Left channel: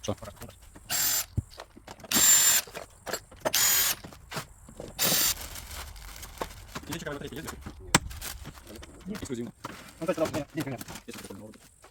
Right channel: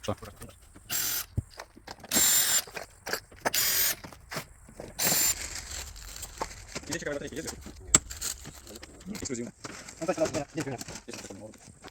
Що? Ексклюзивно. Ну, так, так, ні, ні, ні. Если такое может быть.